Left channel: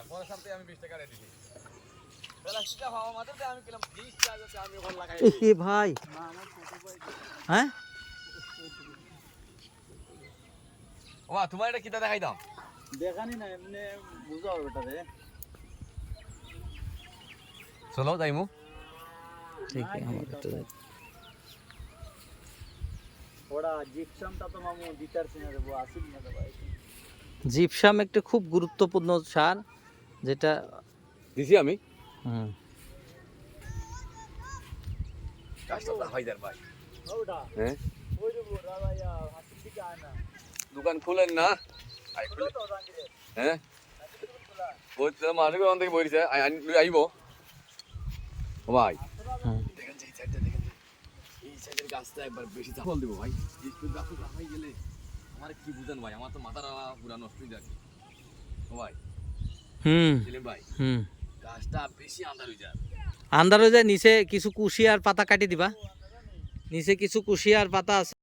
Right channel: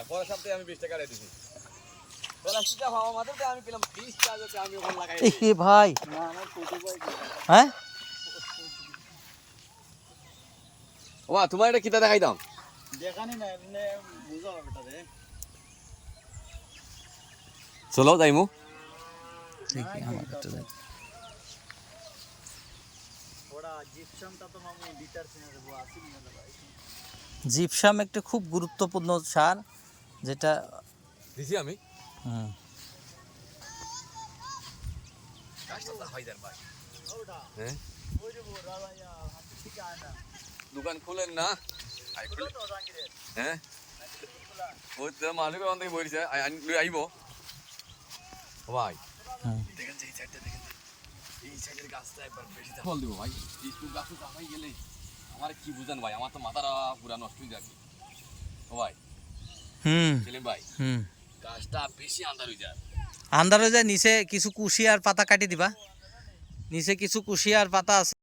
এটা পরের সপ্তাহে আমি 20 টাকা রেখে দিছি প্লাস্টিকটা ভাবা মাত্রতে আমি কিলাম 20 টাকাতে আমি ওখানে লাগাই এ ভাই না না ছোট ভাই হ্যাঁ ওমা তোমার এটা কিটা দেখাইতাম দেখানি না এমনি বুঝা হবে এটা রে চলো যাইমু দেখি আমাকে একটু দেখ ওরা জিপসামটা তো মামু দিতার কিনা দেবো আসিল না দাদা জিপসাম একটা খুব গুরুত্বপূর্ণ সার যেটা দিছি আমি হুম কাজটা হাইদার ভাই ওটা হ্যাঁ ওই যে দাদা ইয়া হাসি থেকে আয় না দোকান খুলেন না আই খুলে তো জাঙ্গিরে হ্যাঁ ওই তো মানুষ কোন থেকে বইছে আইব ও ভাই হুম দেখেন এই সাইডটা দেখেন এই সাইডের গাছটা একবার বেশি ফল দিব ভাই এই তো গাছে লাগাই গেলে আমার কি বুঝেন ভাই আমার তো মাথাটা পুরা নষ্ট হয়ে যাচ্ছে ও ভাই হুম ছিলেন ভাই হুম গাছটা বেশি আন্ধার হয়ে যায় আন্দার হয়ে যায় নিচে কিছু কুশি আর পাতা কাটি দিবা নিচে কিছু কুশি আর পাতা আছে